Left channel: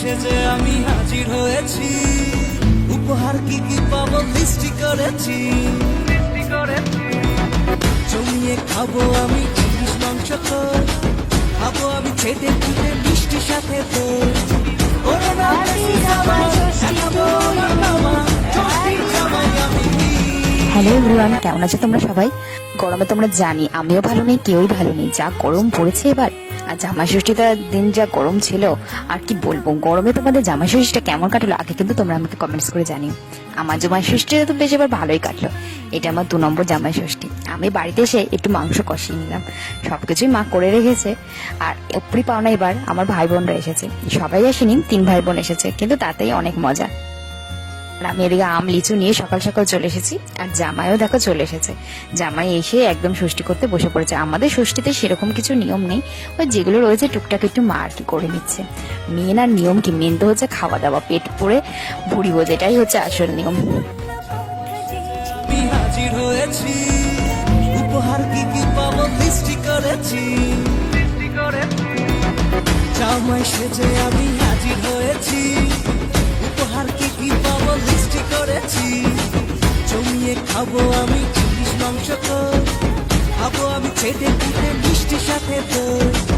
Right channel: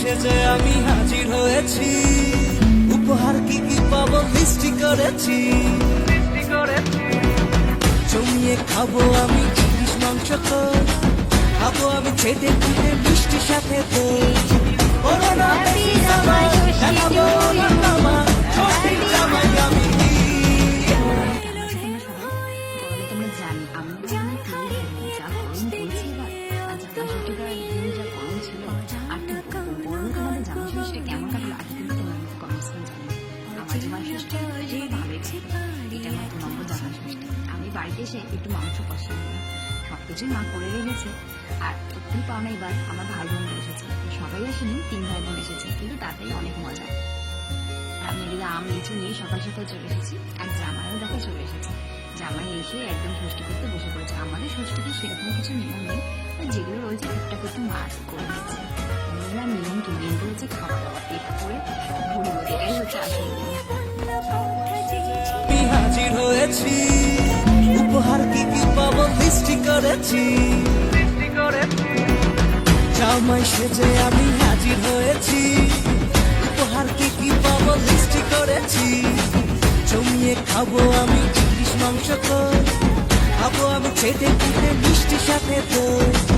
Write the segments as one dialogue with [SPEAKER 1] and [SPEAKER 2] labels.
[SPEAKER 1] সেজে আমি হাজির হয়েছি। উপহার কি কি পাবো লিস্টি করেছি। জমিয়ে খাব আমি ইলিশ মাংস খাব আমি ছেটে ফুটে মিষ্টি সাথে ওরে মামা,
[SPEAKER 2] কেমন আছো তোমরা সবাই? গরমে তোমরা জানি আমিও ভালো নেই কেউই ভালো নেই। যা গরম পড়েছে এবার। আর জামা ষষ্ঠীটার দিন যা গরম ছিল, আর কি বলব? গরমে তোমাদের জামা ষষ্ঠীটা কেমন কাটলো? আগে কিন্তু তোমরা আমাকে কমেন্টস করে জানিও। আমার জামাই ষষ্ঠীটা তো বেশ এবার ভালোই কাটলো। এটা আমার দু নম্বর জামাই ষষ্ঠী আমি বাড়িতে এসে একটু মাংস কষিয়ে নিলাম। সবকিছুই মা করে রেখেছে। আর উপরি পাওনা এবার আমার ভাই বোনরা এসেছে। সবাই আসেনি, তিন ভাই বোন এসেছে। কিন্তু তাতেই অনেক মজা। আমি এদিকে আম, লিচু নিয়ে সকাল সকাল চলে এসেছি। আর জামাইও দেখো চলে এসেছে। জামাই এসে একদম ষষ্ঠী করতে বসে পড়েছে। আমাদের ষষ্ঠীতে সেরকম কিছু নিয়ম নেই। ওই যেগুলো রয়েছে, টুকটাক একটু মা আর কি করে নিচ্ছে। মেন আর নিয়ম কি? মেন তো হচ্ছে খাওয়া দাওয়া পেট পরে ভুড়ি বোঝ, এটাই হচ্ছে আসল নিয়ম।
[SPEAKER 1] হাজির হয়েছি, উপহার কি কি পাবো লিস্টি করেছি। জামাই সেজে আমি হাজির হয়েছি, উপহার কি কি করেছি। জমিয়ে খাব আমি চিলিশ মাংস খাব আমি ছেটে ফুটে মিষ্টি সাথে দই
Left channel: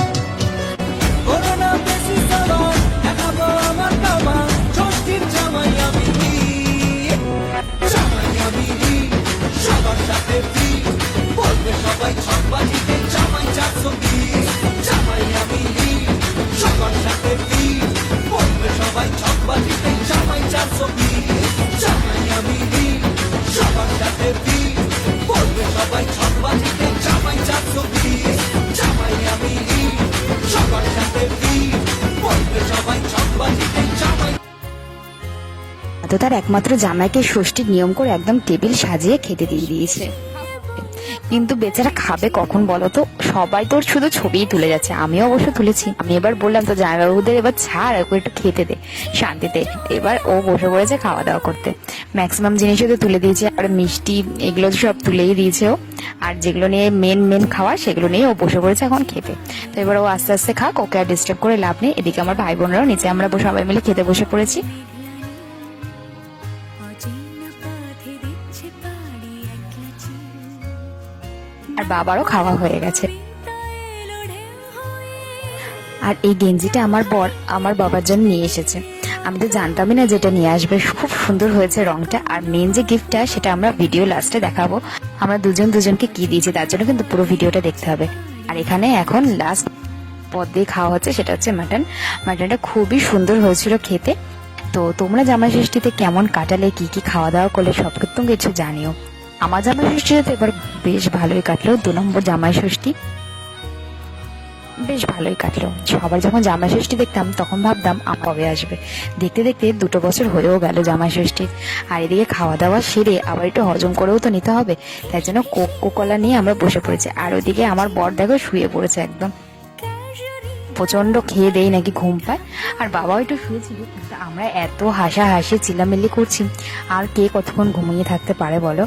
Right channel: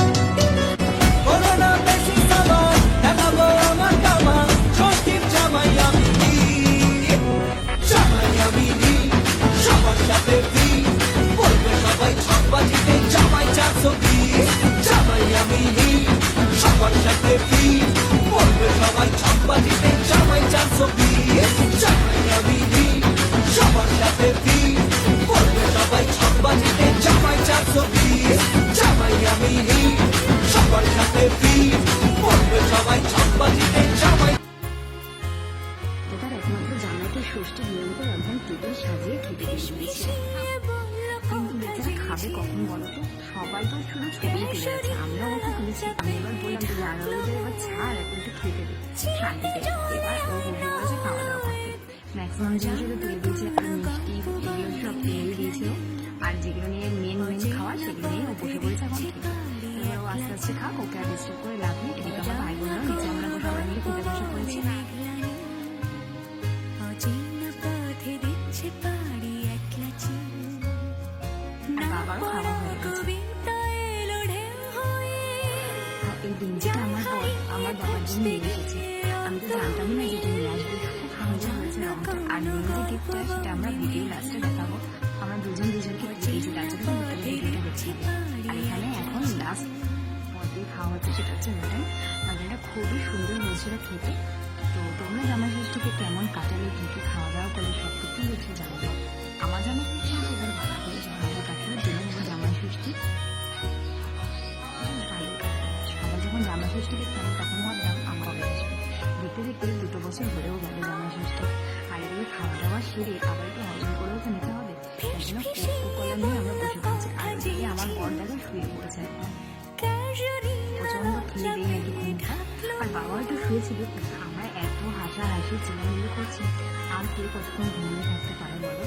[SPEAKER 2] তো তার একমাত্র জামাইকে ষষ্ঠীর নিয়ম করে একদম টেবিল সাজিয়ে খেতে দিয়ে দিয়েছে। কিন্তু বেচারা খাবে কখন বলো তো? সবাই তোর শুধু ছবিই তুলে যাচ্ছে। আমিও অবশ্য তুলেছি। আমি এবার বললাম তো, জামাইবাবুদের এবার ছাড়, ওকে একটু খেতে দে, শান্তিতে। এবার ও বসে পড়েছে খাওয়া দাওয়া করতে। ম্যাক্সিমাম জিনিসও তো তুলে দিয়েছে। আর মিষ্টি, এগুলো সব তুলেই দিয়েছে ও। আর যেগুলো নিয়ে মেন মেন খাওয়া, সেগুলো নিয়ে ও বসে পড়েছে এখন খেতে। তো এবার ও আস্তে আস্তে খাক, ওকে আর ডিস্টার্ব করে লাভ নেই। এদিকে আমার ভাই বোনরাও নিচে, আমরা সবাই মিলে খেতে বসে পড়েছি। আর বাবারও খাওয়া হয়ে গেছে। আর এই গেঞ্জিটা আমার বর, আমার বাবার জন্য নিয়ে এসেছে। আমি তো জানতামই না যেটা নিয়ে আসবে। খুব সুন্দর হয়েছে রংটা। আর মেন যে গিফটটা সেটা আমরা ভিডিও লাস্টে দেখাবো। আমরা দুজন দুজনকে কি দিয়েছি, তার জন্য কিন্তু পুরো ভিডিওটা দেখতে হবে। আর এখানে এখন লাস্ট পদ দিয়ে খাওয়া হচ্ছে, সেটা হচ্ছে মাটন মাটনটা খুবই সুন্দর হয়েছিল খেতে। তো তোমরা জামাই ষষ্ঠীতে কেমন কাটালে, কি কি খাওয়া দাওয়া করলে সব কিছু জানিও। আমার জামাই ষষ্ঠীতে তো এবার বেশ ভালোই কাটলো। দু নম্বর জামাই ষষ্ঠী। বেশ ভালোই কাটলো। সবার যখন জামাই ষষ্ঠী দেখতাম, তখন ভাবতাম কবে আসবে? দেখতে দেখতে দুটো বছর হয়েও গেল জামাই ষষ্ঠী। আর এদিকে খাওয়া দাওয়া সেরে আবার একটু হজম করেও তো নিতে হবে। তাই জন্য কোকো কলা নিয়ে আমরা বসে পড়েছি। আর ওদিকে আমার বর দেখো শুয়ে পড়েছে একদম। প্রচণ্ড খেয়ে দেই নাকি ঘুম পায়। আর বাবাও একটু শুয়েছিল, কিন্তু আমরা এত হাসাহাসি চিলামিলি করছি, আর কে কতক্ষণ ঘুমিয়ে থাকতে পারে বলো?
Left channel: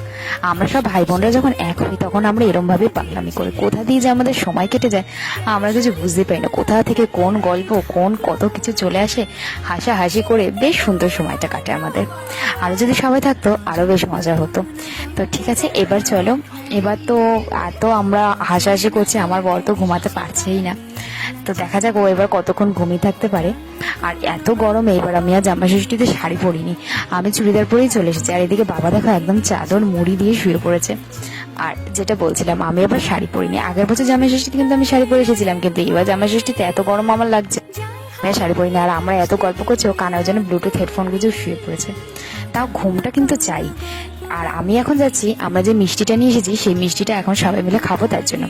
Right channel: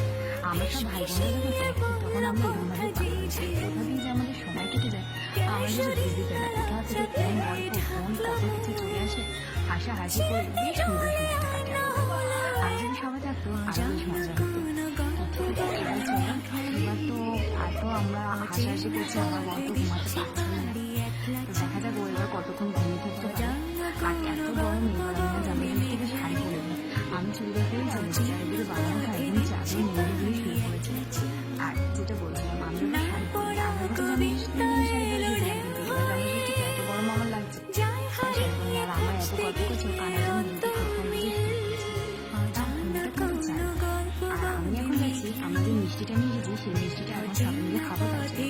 [SPEAKER 2] আমরা সব ভাই বোনরা যখন এক হই, তখন আমরা এরম ভাবে পাগলামি করি। কোথা দিয়ে যে আমাদের সময় কেটে যায়, আমরা কিছু বুঝতে পারি না। কোথা থেকে কোন গল্প, কোন কত কিছু চলে আসে, হাসাহাসি করে বেশ সুন্দর সময়টা কাটে আমাদের। আরও যদি সবাই থাকতো আরও বেশ মজা হতো। তো ঠিক আছে, এবার চলো। এবার তো এত আমরা হাসাহাসি করছি, আমার বর তো ঘুমাতে পারছেই না। তো দেখা যাক ও এবার কতক্ষণ ঘুমিয়ে থাকতে পারে। আর এত গরমে এবার আমি আর জামা ষষ্ঠীতে শাড়ি পরিনি। আমি চুড়িদার পরেই চলে এসেছি আর এদিকে বাবা দেখো একদম চাদর মুড়ি দিয়ে শুয়ে পড়েছে। আর যেটা বলছিলাম, আমি আবার শাড়ি পরিনি। আগের বছর জামা ষষ্ঠীতে কিন্তু আমি শাড়ি পরে এসেছিলাম, কিন্তু এবার জামা ষষ্ঠীতে এত গরম আমার লাগছে। আমি শাড়ি পরিনি। আর আমরা এত গল্প করছি, ও কানার জন্য ব্লুটুথ হেডফোন কিছু শুয়ে পড়েছে। তাও ঘুমটা কিন্তু চাই। আর আমি এখন যাচ্ছি, আমরা যে মিষ্টিটা নিয়ে এসেছি, সেই মিষ্টিটা এখন সবাই মিলে খাব তার জন্য।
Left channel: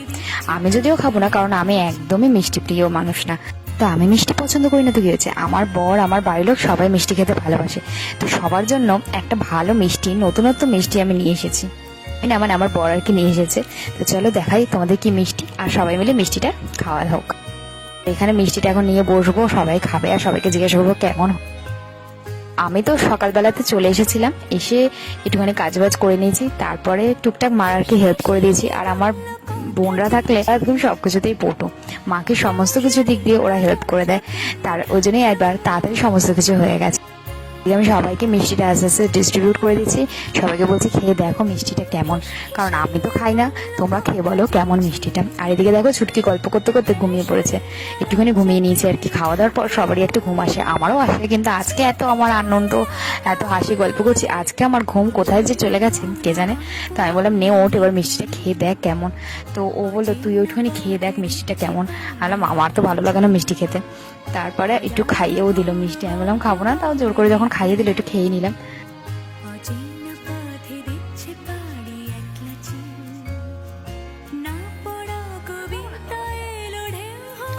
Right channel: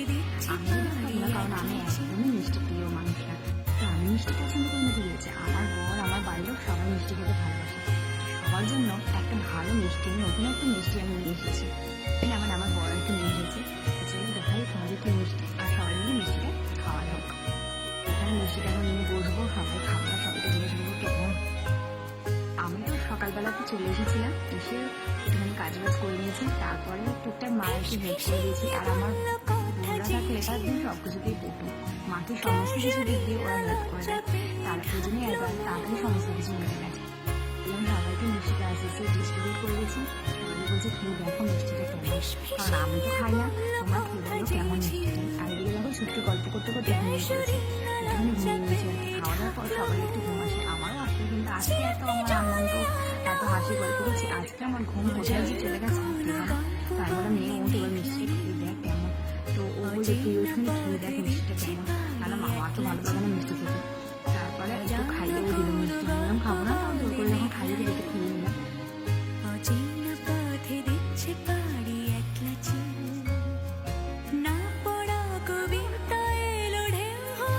[SPEAKER 2] আমি যদিও খাব না, কারণ আমি একদমই মিষ্টি প্রিয় মানুষ না। তো আমি মিষ্টি পছন্দ করি না তো কি হয়েছে? আমার বর, আমার বাড়ির লোক সবাই মিষ্টি খেতে ভালোবাসে। তো সবার জন্য একটা ভালো মিষ্টি, নতুনত্ব মিষ্টি আমি নিয়ে এসেছি। মানে আমার আমার বর আর কি নিয়ে এসেছে। তো চলো দেখাই তোমাদের কি মিষ্টি, আর সবাই মিলে মিষ্টিটা খাওয়া হোক। এখানে মিষ্টিটা এখন নিয়ে বসবো, সবাই খাবে আর সবাইকে জিজ্ঞাসা করব কেমন আমি তো সকালবেলাতে চলে এসেছিলাম, এসে একটুখানি কাজবাজ করে নিয়েছি, তারপরে টুকটাক মারারকে হেল্প করে দিয়েছি। আর আমার বোনরা থাকলে একদম সব কিছুতেই পটু। মাকে সমস্ত কিছু দিক দিয়ে ওরা হেল্প করে দেয়। তার ওই জন্যই একবার তাড়াতাড়ি সমস্ত কিছু হয়ে গেছে। আমি সবাইকে মিষ্টিটা আস্তে আস্তে ডিস্ট্রিবিউট করে দিচ্ছি। সবাইকে বলছি খেয়ে দেখো মিষ্টিটা কেমন। কারণ আমি তো খাই না, তোমরা খেয়ে বলো কেমন মিষ্টিটা। আর এদিকে দেখো ছুটকি গল্প করতে করতে ঘুমিয়ে পড়েছে। একটুখানি ঘুমিয়ে নিয়েছে আর কি, খাওয়া দাওয়ার পর সবারই একটু ঘুম আসে। আমারও আসে, কিন্তু আজকে এত আমার আনন্দ, এত হাসি গল্প করছি। আজকে আমার ঘুম কোথায় যে চলে গেছে, কে জানে? তো আমি বললাম, নে, ওঠ, এবার মিষ্টিটা খেয়ে দেখ কেমন। তো ও বলল, তুই ওইটুখানি খেয়ে দেখ মিষ্টিটা কেমন। বললাম, আমার তো ভালো লাগে না মিষ্টি খেতে। তারপরে একটু খাইয়েও দিল মিষ্টি। আমি বললাম, খাব না, তাও জোর করে যখন খাইয়ে দিল একটু খেয়ে নিলাম।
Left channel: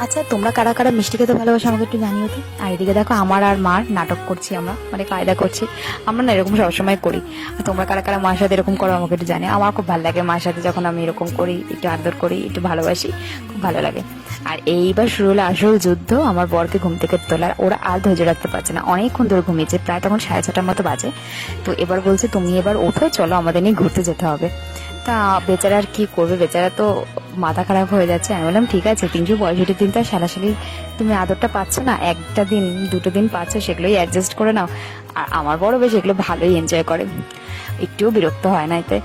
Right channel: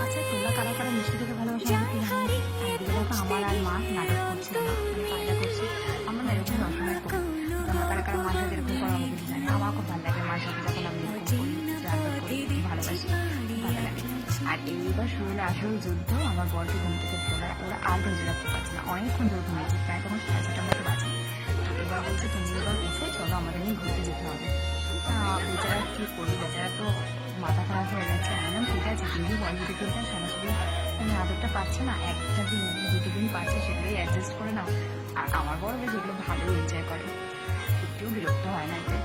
[SPEAKER 2] আচ্ছা তোমরা কারা কারা মিষ্টি খেতে ভালোবাসো আমাকে একটু জানিয়ে দিই আর এদিকে দেখো আমার আর মার নাটক করছি আমরা মানে কায়দা করছি। আমরা না এরকম সবসময় করি। তোমরা কারা কারা মার সাথে এরকম করো আমাকে একটু জানি আমার খুব ভালো লাগে মার সাথে যখন আমি এরকম করি, একটু আদর করি, একটু ভালোবাসি, খুব ভালো লাগে। আর এইবার শুরু হলো আসল যুদ্ধ, আমার বরকে ঘুম থেকে তোলার। ওরা আর ধৈর্য রাখতে পারছে না, অনেকক্ষণ ধরে ঘুমিয়েছে, প্রায় তখন সাড়ে ছটার মতো বাজে। তো এবার বলছে, তুমি এবার ওঠো, চলো আমাদের নিয়ে ঘুরতে যেতে হবে। তা বেচারা আর কি করবে? বেচারা তো মাথা খারাপ হয়ে যাচ্ছে। আমি বললাম, ঠিক আছে তিনশো পঁয়ষট্টি দিন তো সারাসারি তুমি আদরটা পাচ্ছ না, একটা দিন, দুটো দিন পাচ্ছ, সেগুলোই অ্যাডজাস্ট করে নাও। আর আমার বড় বেশ এগুলো ভালোই এনজয় করে। একটুও বিরক্ত হয় না এতে।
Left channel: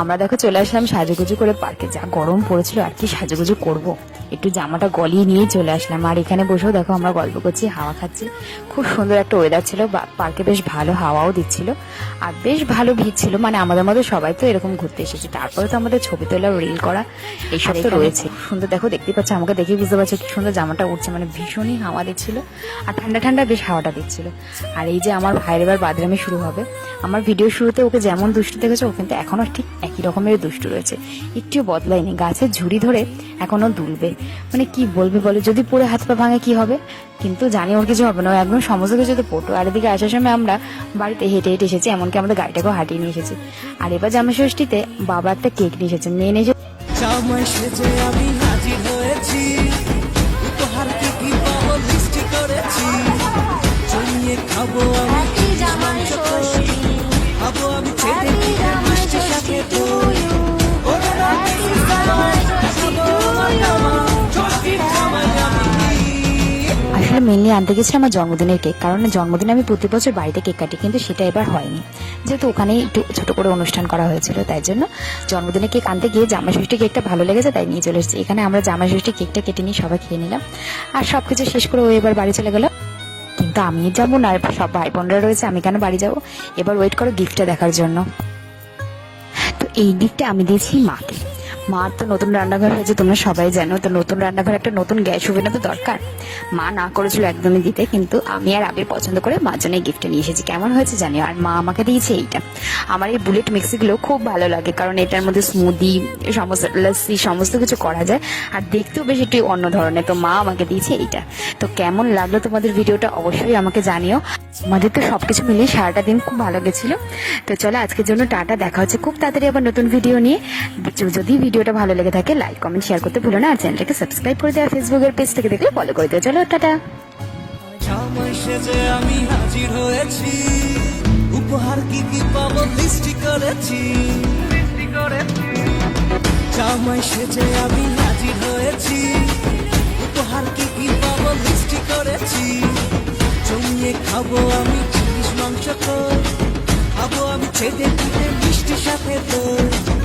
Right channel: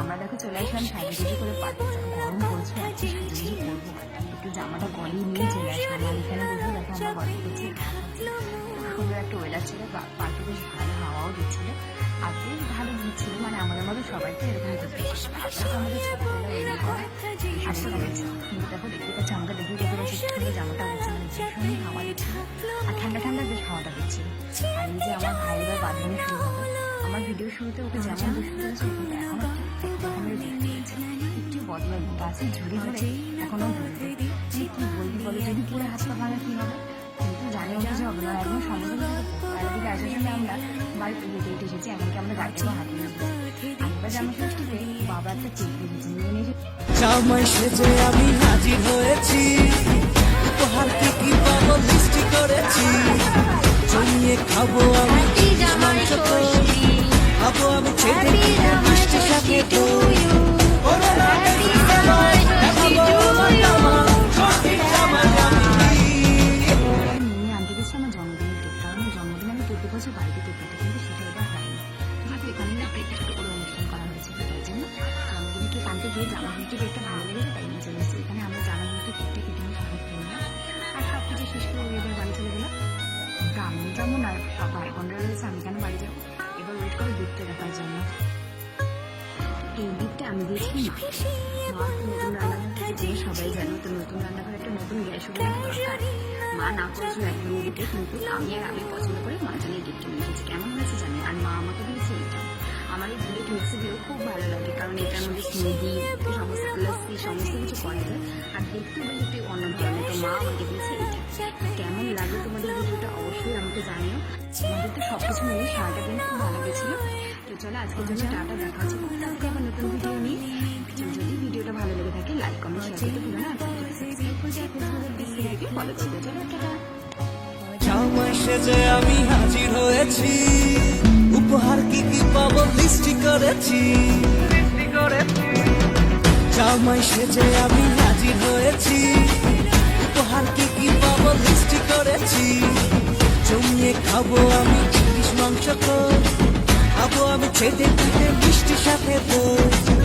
[SPEAKER 2] আমরা দেখো চলে আসলাম সাজুগুজু করে পার্কে যা গরম পড়েছিল আর কি সাজুগুজু করব। একটু জামাটা গলিয়ে নিয়ে চলে আসলাম। আর এখানে বসেও দেখো আমরা গল্প করছি, হাওয়া খাচ্ছি। খুব সুন্দর একটা ওয়েদার ছিল পার্কে বেশ ভালো হাওয়াও দিচ্ছিল। আর বেশ ভালো ভিড় ছিল মানে আমাদের মধ্যে সবাই তো এরকম ঘুরতে এসেছে। তারপরে তো আমাদের ছবি তোলা রিল করা এইসব তো রয়েছে। সুন্দর, দেখো, দেখতে পাচ্ছ, আমাকে দেখে বুঝতে পারছ কি সুন্দর জামাটা উঠছে মানে ভীষণই হাওয়া দিচ্ছিল আর ঠান্ডা ঠান্ডা বেশ হাওয়াটা দিচ্ছিল। আর এই যে আমার ভাইয়ের এবার বাদরামি শুরু হবে, আমার ভিডিও শুরুতে ওকে যেমন দুষ্টু দেখেছ, ও কিন্তু এখনও ঠিক একই রকমের দুষ্টু রয়েছে। একটুও বদলায়নি গাছের ঝুড়ি ধরে এখনও দুলবে। মানে কি বলবে বলে, যদি পড়ে হাত পা ভাঙে কি হবে? কিন্তু জানি ওর কিছু হবে না একদম সমস্ত কিছু তো পটু আর এদিকে আসার সময় আমরা বাড়িতে হেঁটে হেঁটে এসেছি, এমনকি আমাদের গাড়িটাকেও হাঁটিয়ে নিয়ে এসেছি। আর এবার জামা ষষ্ঠীতে বাবা একটা কেক নিয়ে এসেছে নিয়ে এসেছে
[SPEAKER 1] জামাই সেজে আমি হাজির হয়েছি। উপহার কি কি পাবো লিস্টি করেছি। জমিয়ে খাব আমি মাংস। খাব আমি ছেড়ে মিষ্টি সাথে দই।
[SPEAKER 2] মেনলি আনতে গেছি আমার জন্মদিনের কেক। কারণ জন্মদিনে আমি প্রতি বছর বাড়িতে কেক কাটি, কিন্তু সেটা এবার হয়নি। যেহেতু ওখানেই একটু ছোট করে অনুষ্ঠান করা হয়েছিল, তাই জন্য জন্মদিনে কেক আনতে গিয়ে জামাই ষষ্ঠী কেকটা ভালো লেগেছে, তাই নিয়ে চলে এসেছি। এখানে আমরা জামাই ষষ্ঠী কেকটা কেটে নিয়ে সবাই খেয়ে নিলাম। আর সব কিছু শেষ করে ও এবার বাড়ি চলে গেল। কিন্তু আমি যাব না, সব ভাই বোনরা রয়েছে, আমি কেন বাড়ি যাব? এবার ওয়েট করো গিফটটা দেখার জন্য। তো এই গিফটটা আমি দিয়েছি মাকে। মা, তো নতুন রান্নাঘর হয়েছে, তোমরা সবাই জানো, তো নতুন রান্নাঘর একটা নতুন গ্যাস ওভেনও তো দরকার। মা না করেছিল একদমই দিতে, কিন্তু আমি আর আবির পছন্দ করে মার জন্য গিফটটা নিয়ে এসেছি। কেমন হয়েছে জানি আর মা আমাকে দিয়েছে এইটা। আমার এই বুলেট মিক্সিগুলো খুব ভালো লাগে, কারণ এটার মধ্যে স্মুদি সমস্ত লস্যি সমস্ত কিছু করা যায়, আর দেখতেও বেশ একটু অন্য ধরনের। তো মা আমাকে দিয়েছে এইটা। তো কেমন লাগল তোমাদের ভিডিওটা অবশ্যই আমাকে জানিও। আমাদের তো সবকিছু মিলিয়ে সারাটা দিন খুব ভালো গেছিল। তো চলো আজকের জন্য টাটা, দেখা হচ্ছে খুব তাড়াতাড়ি আবার নতুন ভিডিও নিয়ে। যদি যদি ভিডিওটা ভালো লেগে থাকে লাইক কমেন্ট শেয়ার করতে ভুলো না। আর চ্যানেলটাকে সাবস্ক্রাইব করে দেওয়া ফেসবুকের পেজ থেকে দেখলে ফলো করে দেওয়া চলো, টাটা।
[SPEAKER 1] আমি হাজির হয়েছি। উপহার কি কি পাবো লিস্টি করেছি। জামাই সেজে আমি হাজির হয়েছি। উপহার কি কি পাবো লিস্টি করেছি। জমিয়ে খাব আমি ইলিশ মাংস খাব আমি ছেদে পিঠে মিষ্টি সাথে দই